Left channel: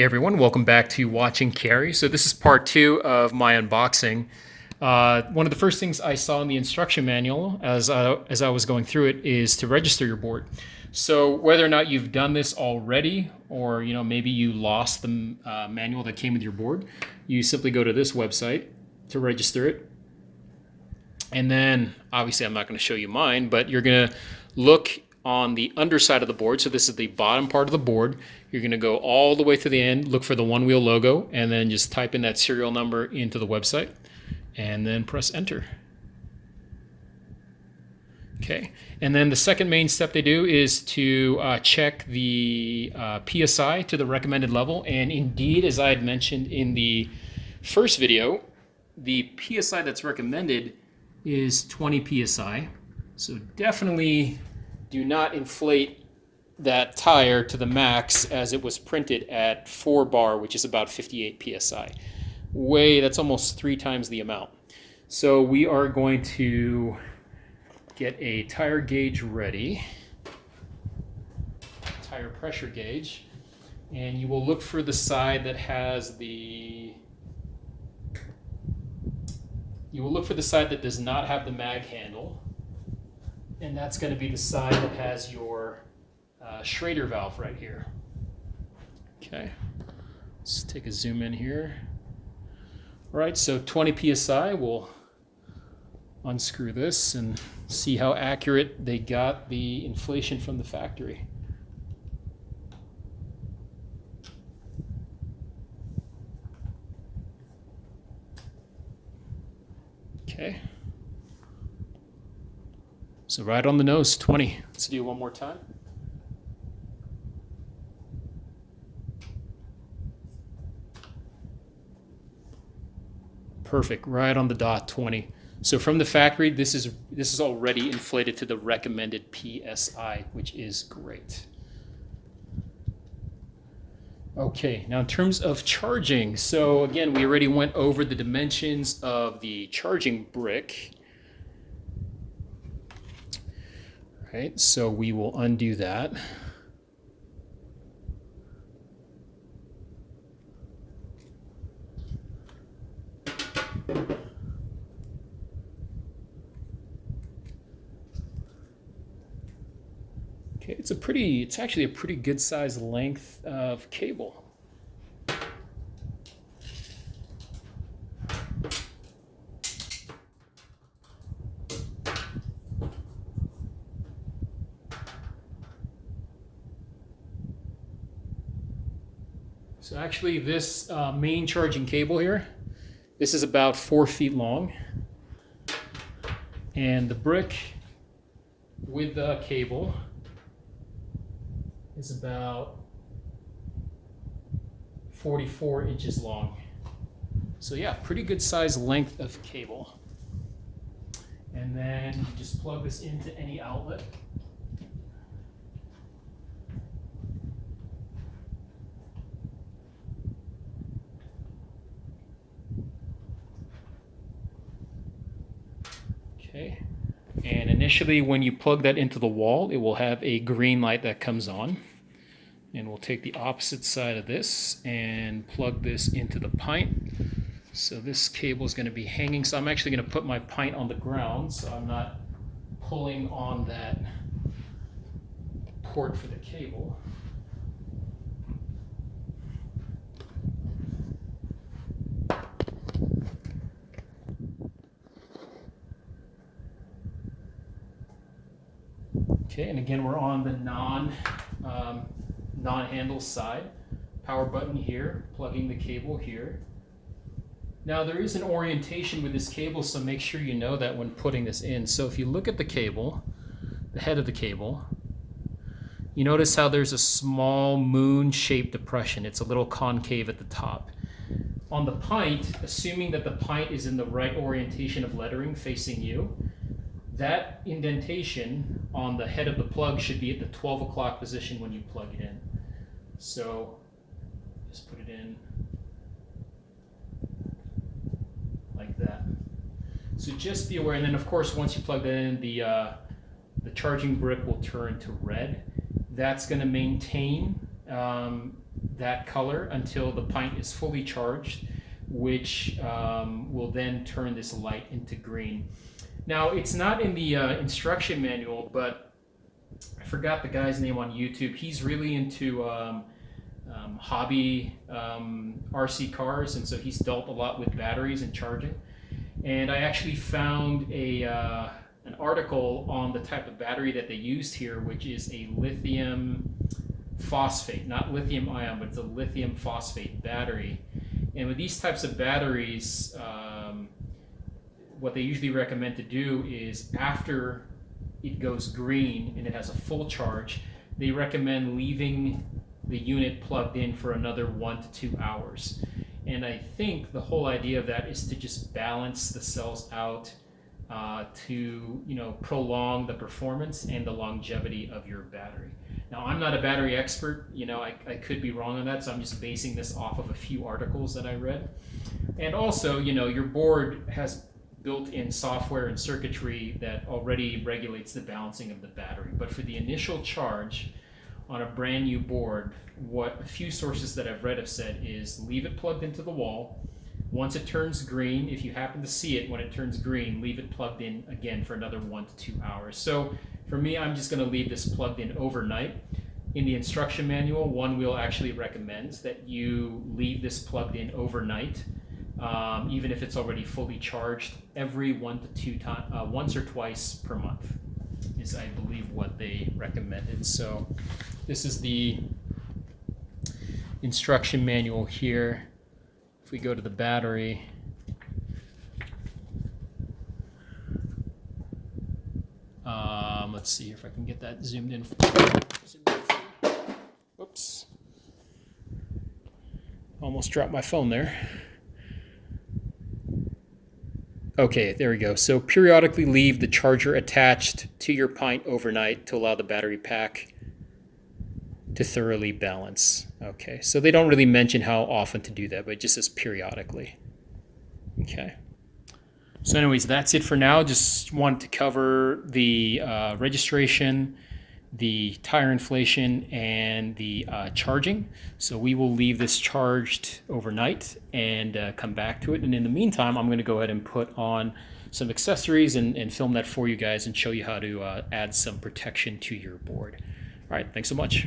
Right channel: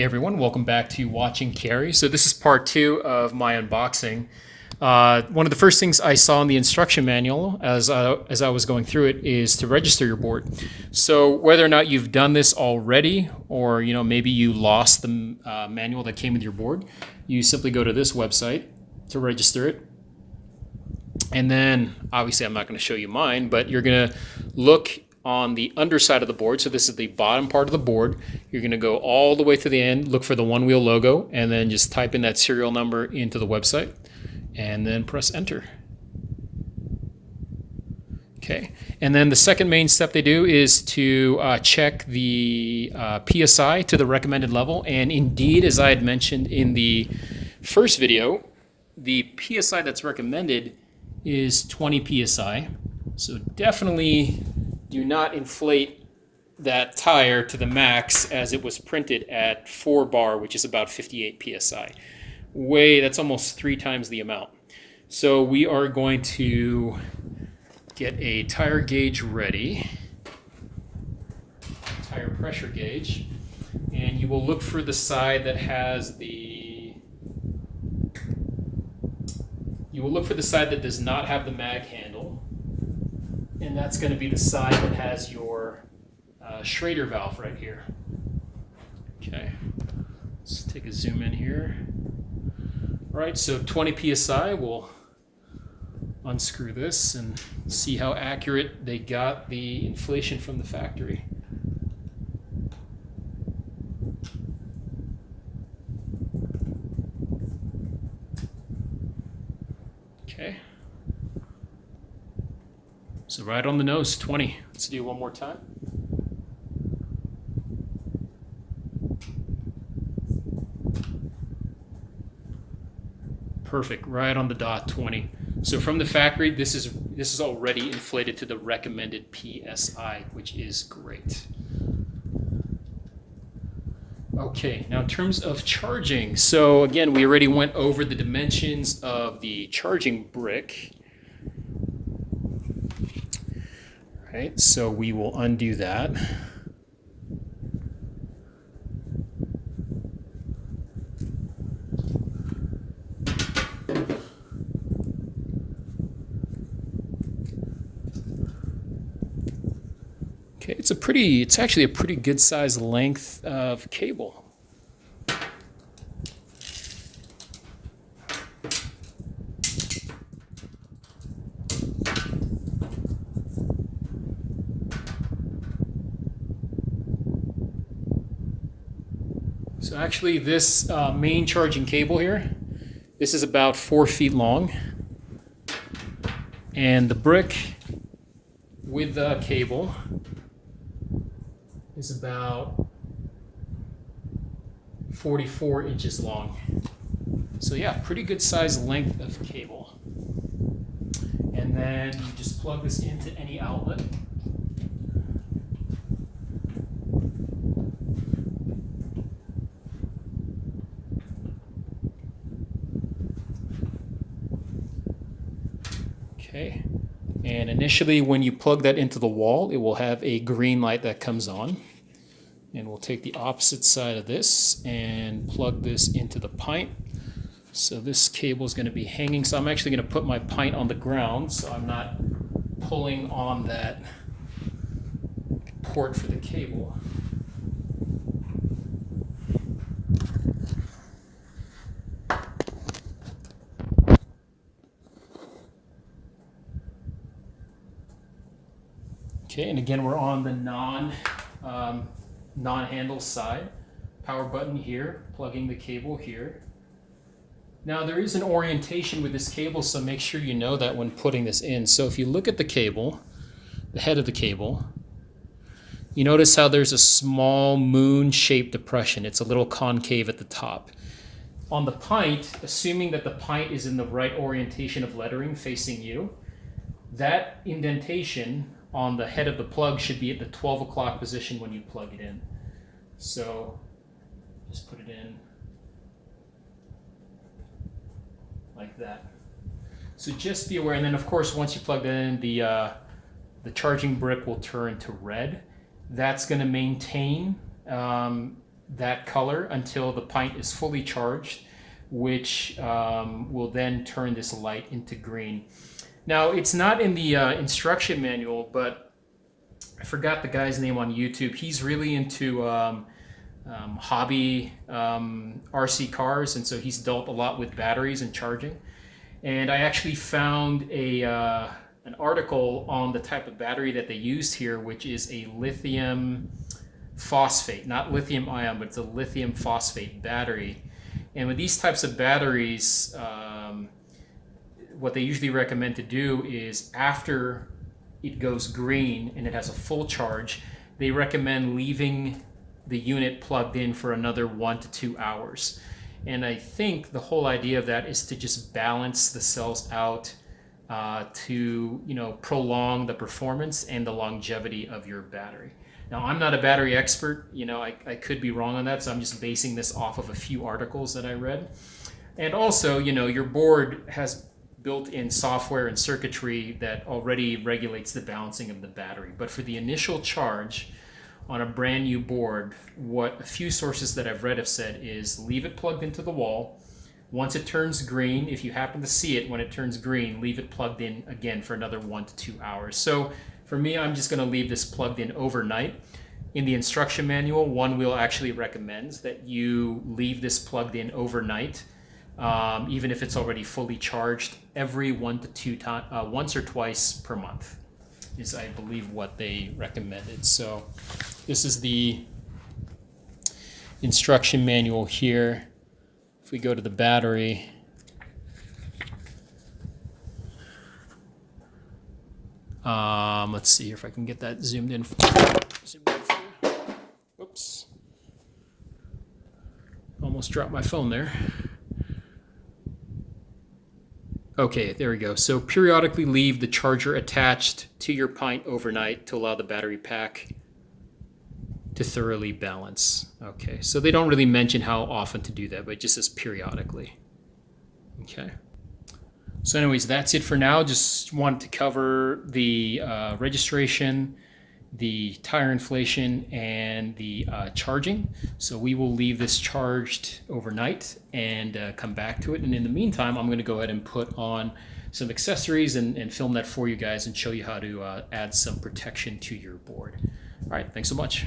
Hey everyone, welcome back to Watching Carry. So this is part two of my unboxing. One of the first things I saw in the instruction manual as I was going through it is to register your board. So whether or not you've done this already, or maybe you lost the manual that came with your board, you simply go to this website to register it. And then obviously I'm not going to show you mine, but you're going to look on the underside of the board. So this is the bottom part of the board. You're going to go all the way to the end, look for the OneWheel logo, and then just type in that serial number into the website and then press enter. Okay, and then the second main step they do is to check the PSI to the recommended level. And indeed, as I had mentioned in the first video, the PSI that's recommended is 20 PSI. So definitely do not inflate that tire to the max as it was printed at 4 bar, which is about 58 PSI. That's almost 3 times the amount. So we are going to get a tire gauge ready, tire pressure gauge, and you will look for the side that has that does not have the mag handle. And that's going to be the side that has your Schrader valve right here. Okay, let's take a zoom in here. All right, so 20 PSI, we'll unscrew this and see how accurate they got the inflation from the factory. Okay. So right on the nose, 20. Let's do it one more time. Perfect, right on the dot, 20. So from the factory, this is already inflated to the recommended PSI, which is great. Okay, now in terms of charging, so again, we already went over the dimensions of the charging brick. Right, so we will undo that. Okay, it's actually a pretty good sized length of cable. So actually this main charging cable here, this is about 4 feet long. And the brick with the cable is about 44 inches long. So yeah, pretty good size length of cable. And then you just plug this into any outlet. Okay, and initially when you plug that into the wall, it will have a green light that comes on. And we'll take the opposite side of this and plug this into the pint. So this cable is going to be hanging. So I'm actually going to put my pint on the ground so I'm not pulling on that port for the cable. Okay, and again, we're on the non-handle side. Power button here, plugging the cable here. Now there is an orientation with this cable, so make sure you know that when putting this in. So if you look at the cable, the head of the cable, you notice how there's a small moon-shaped depression. It's a little concave at the top. On the pint, assuming that the pint is in the right orientation of lettering facing you, that indentation on the head of the plug should be at the 12 o'clock position when you plug it in. So just put it in like that. So just be aware, and then of course once you plug that in, the charging brick will turn to red. That's going to maintain that color until the pint is fully charged, which will then turn this light into green. Now, it's not in the instruction manual, but I forgot the guy's name on YouTube. He's really into hobby RC cars, and so he's dealt a lot with batteries and charging. And I actually found an article on the type of battery that they used here, which is a lithium phosphate, not lithium ion, but it's a lithium phosphate battery. And with these types of batteries, what they usually recommend to do is after it goes green and it has a full charge, they recommend leaving the unit plugged in for another 1 to 2 hours. And I think the whole idea of that is to just balance the cells out to prolong the performance and the longevity of your battery. Now, I'm not a battery expert. I could be wrong on that, so I'm just basing this off of a few articles that I read. And also, your board has built-in software and circuitry that already regulates the balancing of the battery. But for the initial charge on a brand new board, what a few sources that I've read have said is leave it plugged into the wall. Once it turns green, if you happen to see it when it turns green, leave it plugged in again for another 1 to 2 hours. So for me, I'm just going to leave this plugged in overnight. In the instruction manual, OneWheel actually recommends that you leave this plugged in overnight, even if it's already fully charged, every 1 to 2 times, once or twice per month is, I believe, what they recommended. So this is the instruction manual here. If we go to the battery, let's see if I can get that zoomed in. Whoops. Almost dropped my phone there. Okay, there we go. So periodically leave the charger attached to your pint overnight to allow the battery pack to thoroughly balance. Okay, so they don't really mention how often to do that, but it just says periodically. Okay. So anyways, that's it for now. Just wanted to cover the registration, the tire inflation, and the charging. So we will leave this charged overnight and come back to it. And in the meantime, I'm going to go ahead and put on some accessories and film that for you guys and show you how to add some protection to your board. All right, thanks so much.